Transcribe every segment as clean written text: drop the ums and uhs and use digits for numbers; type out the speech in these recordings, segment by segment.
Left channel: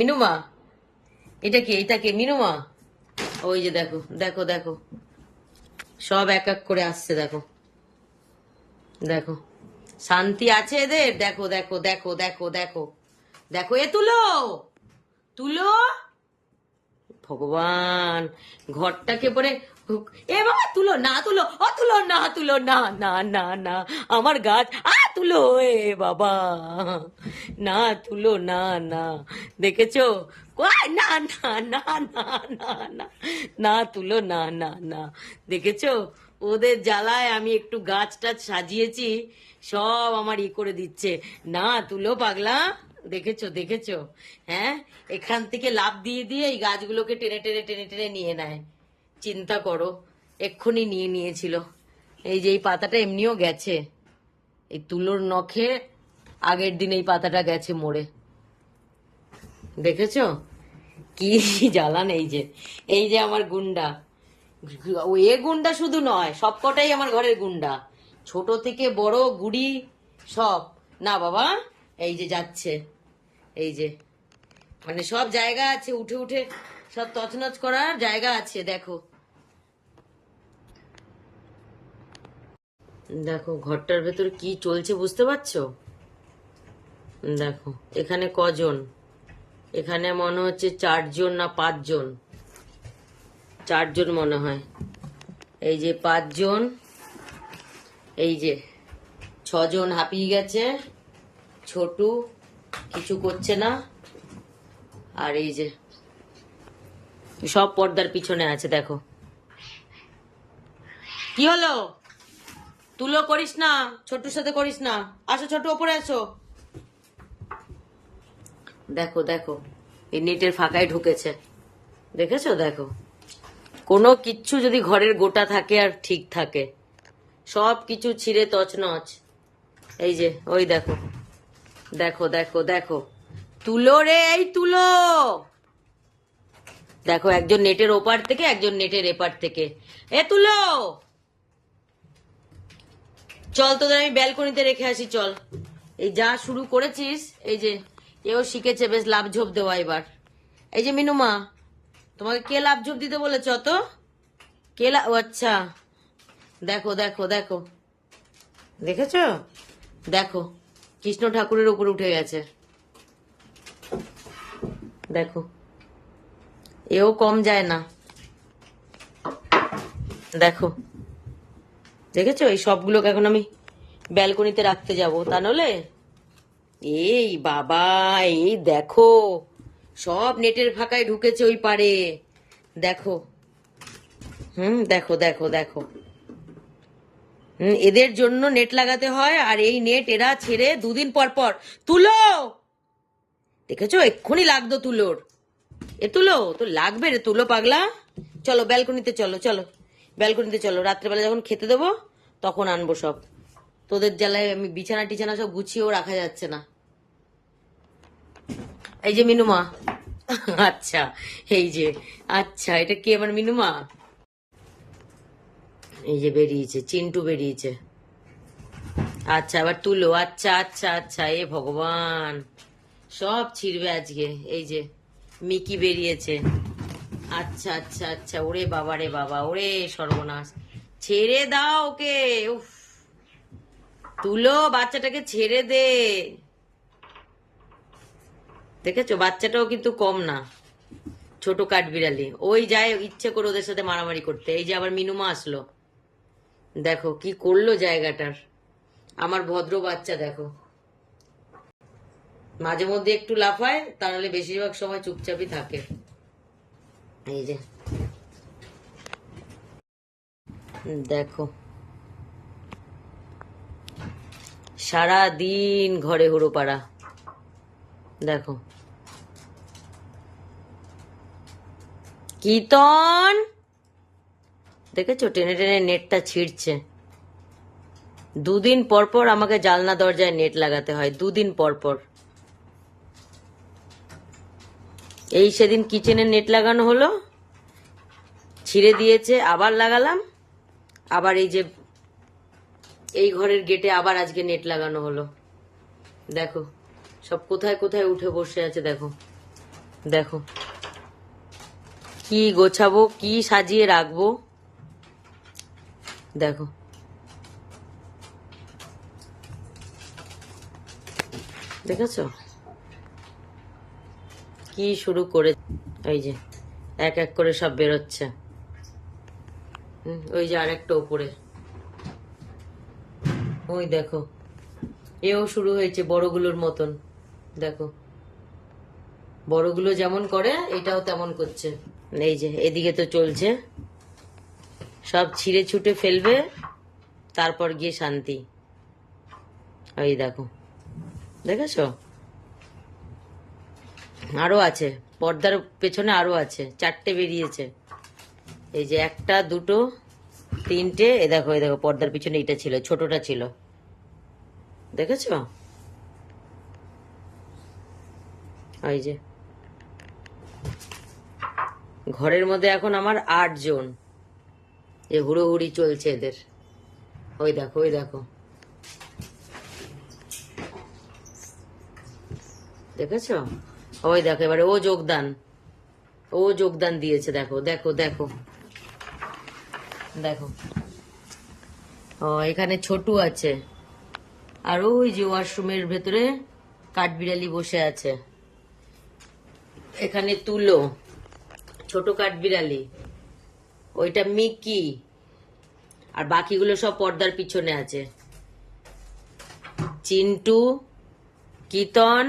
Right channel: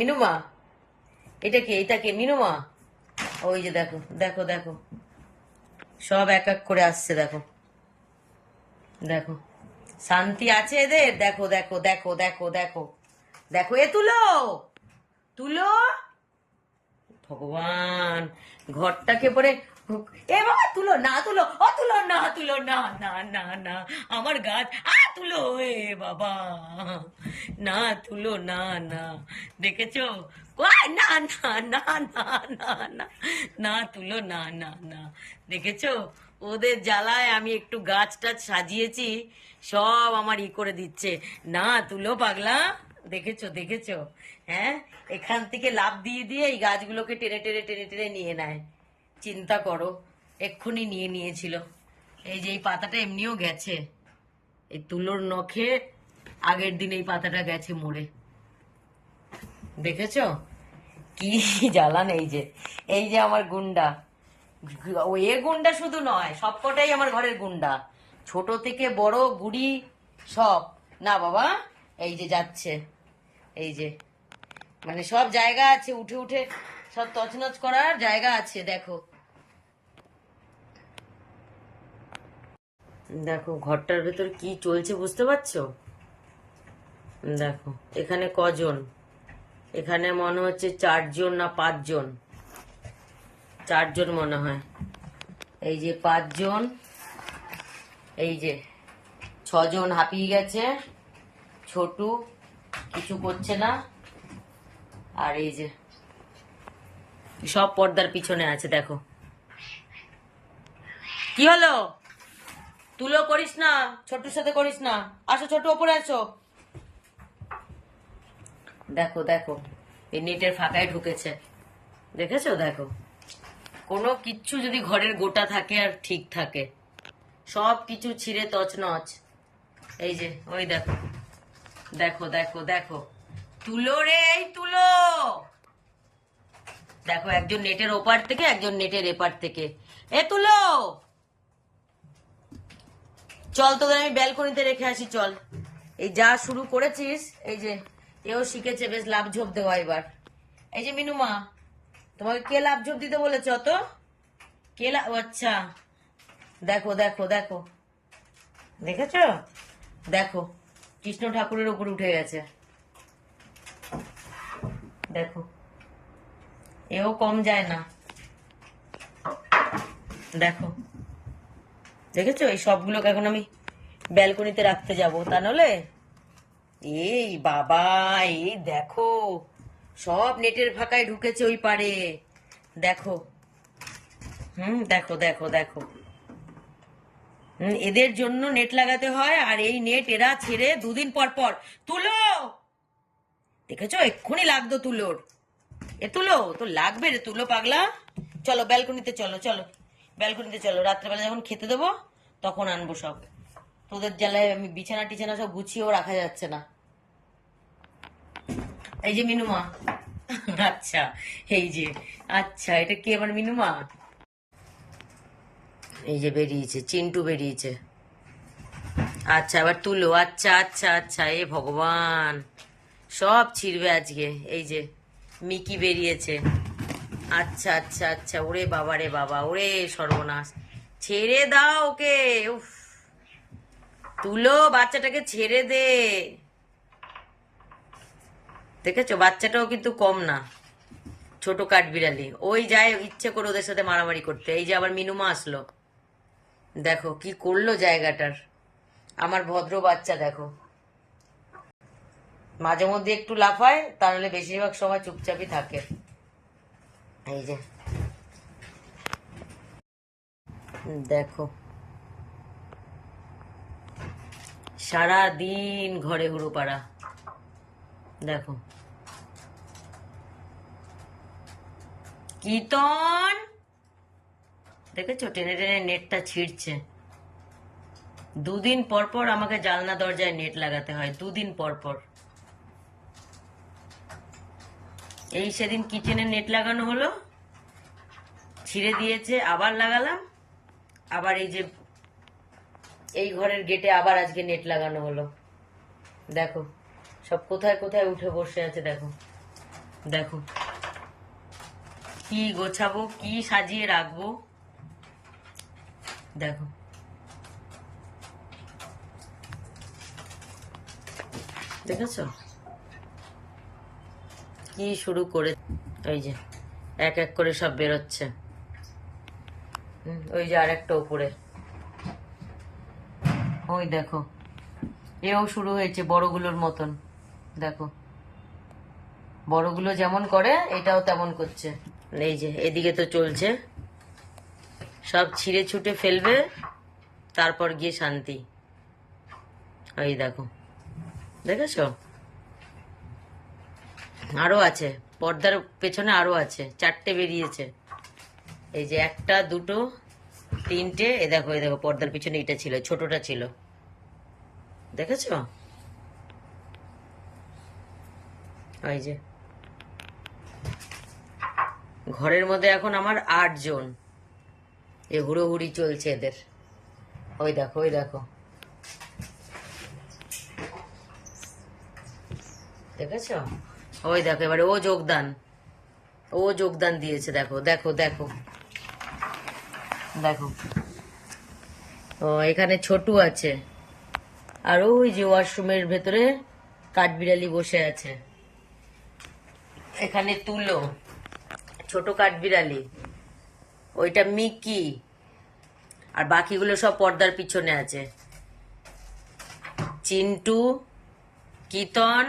মিনুমা, এটা কি? এটা কে মিনুমা? ওই যে দেখো দেখো দেখো, সব এক এক করে আসছে, দেখো দেখো। শান্তি আছে এদের? দেখো দেখো দেখো দেখো দেখো দেখো, এ তুলো তুলো, ভগবান, ঘরটাকে পরে এ বাবা, তুলো না তুলো, ও তুলো না তুলো না না না না, আমার গাছ তুলো, এ বাবা, না তুলো না না, দেখেছো? না না না না না না, না তুলো না না না, দেখেছো? ওদের জ্বালায় আমি একটু গাছ টাছ সাজিয়েছি, সব আমার করে দিচ্ছে। না তুলো পাগলা, দেখেছো দেখেছো? হ্যাঁ, এখান থেকে লাফ দিয়ে দিয়ে এই গাছগুলোকে টেনে টেনে টেনে টেনে নিয়ে নেয়। চিন্তা করো, এক্ষুনি নিয়ে নিয়েছিল। এই যে এই পাতাটা এমনিও গেছে, এই তুলোর নখে আগের দিন এই পাতাটা গেছে মরে, দেখেছো? কি জ্বালান! এই যে আমার গুন্ডা, ও এ গুন্ডা শুধু নয়, সবকটাই আমার ঘরের গুন্ডা, ছোট থেকে বড় গুড়ি সব। না বাবা, এই যে যাচ্ছে, এই যে, মানে সব জায়গা আছে, উঠে উঠে সব তছনছ করার জায়গা আছে। দেখো দেখো, ঘরটার ভেতর কি চলছে বুঝতে পারছো? দেখো এখানে কজন, এখানে মনে হচ্ছে 4 জন না 5 জন, 4 জন মনে হয়। এই যে 5 জন, এই যে 6 জন হাঁপিয়ে গেছে, ছোটু কিছু করছে না, আর এই যে সব পর্দার পিছনে আছে। দেখো কি হলো, তুলো করিস না, ছোটুর সাথে করিস না, আসো ছোটু, ওপরে আসো। দেখো দেখো, এই নেটের ফাঁকায় ঢুকেছে, দেখেছো? দেখো, কোনো কিচ্ছু যদি ঘরের গোটা থাকে আর ঠিক থাকে, সব কিছু ছিঁড়ে তছনছ। এই যে ওই দেখো দেখো দেখো দেখো, তুলো রে, এই তুলো, দেখো একজন নেটের ওপার থেকে, একজন নেটের এপার থেকে। এ তুলো, চল তোদের আমি ব্যালকনিতে রেখে আসি, চল। এই যা শুরু করেছিস, এই যে এও শিখেছে বেশ লাভ ঝোপ দেওয়া এবার। এই যে মিনুমা, তোমাকে কে লাভ ঝোপ দিতে বলেছ? তো কে ও আচ্ছা, দেখো দেখো দেখো, দেখেছ? দেখো কৃষ্ণ ঠাকুরের উপর উঠে গেছে, দেখো, এও কম যায় না, দেখো, দেখেছো? এই সবগুলোকে এখন আমি ব্যালকনিতে রাখতে যাব, তা নলে এই বাবা, এই দেখো, সব নেটের ফাঁকায় ঢুকেছে ওই পারে, দেখো, দেখো দেখো দেখো, এদের জন্য নেট লাগাতে হয়, আর এই নেট এরা ছেড়ে 2 দিন পর পর। তুলো, দেখেছো? এক্ষুনি লাগতো তুলোর, এ তুলো তো লাগবে রে, তুলো পাগলা, চলো ব্যালকনিতে, চলো চলো ব্যালকনিতে চলো, রাত্রেবেলা যখন খেতে দেবো তখন আনবো সব। তোদের জ্বালায় আমি বিছানা টিছানা সব গুছিয়েও রাখা যাচ্ছে না। এই যে মিনুমা, আচ্ছা, এই যে, আচ্ছা, এটা কি আমার মিনুমা? এই যে বেরিয়েছে, চিন্টু বেরিয়েছে, আচ্ছা আবার তুলো, আচ্ছা আচ্ছা আচ্ছা, এ ভগবান, সব ছিড়বে আজকে। এই যে মিকি বেরিয়েছে, আচ্ছা আচ্ছা আচ্ছা, ওরে বাবা রে বাবা, ওরে সর্বনাশ, ছেড়ে দাও ওকে, উফ, তুলো বাচ্চাটাকে ছেড়ে দে। দেখেছো, বাচ্চাটাও কিন্তু কম না, ছোট কাঠবিড়ালি, ওই যায় ইচ্ছে করে ওদের সাথে মারামারি করতে। এই যে আবার মিনুমা আসলো, দেখো কি করলো জায়গাটার, আমার ভদ্র বাচ্চা, দেখো, মাঝে মধ্যে একটু লাফায়, তাহলে বেশিরভাগ সময় চুপচাপই থাকে। এই যে দেখো, সারা দিন ঘরে হুড়োপাড়া, দেখো, কীর্তন, দেখেছো? টেনে টেনে নেটটা ছিঁড়ছে। 2 দিন পর পর আমাকে জানলা দরজায় নেট লাগাতে হয়, 2 দিন পর পর। এই সেদিন কিচেনে নেট লাগানো হলো, ছিঁড়ে দিয়েছে, আবার লাগালাম, আবার এই যে এই ঘরের গেটে আবার আজকে নেট লাগানো হলো। দেখো সব কোথায় কোথায় উঠে বসে আছে, দেখো, দেখো কি গোছাবো, কি সাজিয়ে রাখবো, দেখো। দেখেছো কি শুরু করে, ওই যে এক এক করে সব বেরোচ্ছে। ওই যে আর একটা ওপরে, ওই দেখো এও শুরু হয়েছে বড়গুলোর মতন। দেখো বড়গুলো যেমন করে এটাও তেমন করছে। এই যে এদিকে তো চলছে, সব ছিঁড়ে ছুটে ফেলবে, তারপর গিয়ে শান্তি। এই দেখো, দেখেছো আরো আছে, পর্দার পেছনে আরো আছে, 4টে বেরিয়েছে। এই যে 1টা 2টো 3টে, এই দেখো পর্দার পিছনে এটা ছিল, ছোটটা ছিল, দেখেছো? এই যে ঘরের মধ্যে এখন আমার 8 জন, এ হুড়োহুড়ি চলছে এদের। ওই দেখো, ওই দেখো, দেখেছো? ওই দেখো এবারে ও যোগদান দিয়েছে। দেখো দেখো দেখো দেখো, ও এখানে ছোটু আছে, আর ওই যে ওয়াশরুমের ভেতরে কাঠবিড়ালি বসে আছে। এখানে তুলো, ছোট কাঠবিড়ালি, ওইটা মিকি, আর বাকিগুলো সব পর্দার পিছনে আছে। চিন্টু, কিতন,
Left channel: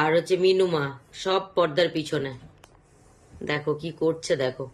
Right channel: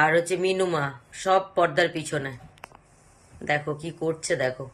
আর হচ্ছে মিনুমা, সব পর্দার পিছনে। দেখো কি করছে, দেখো।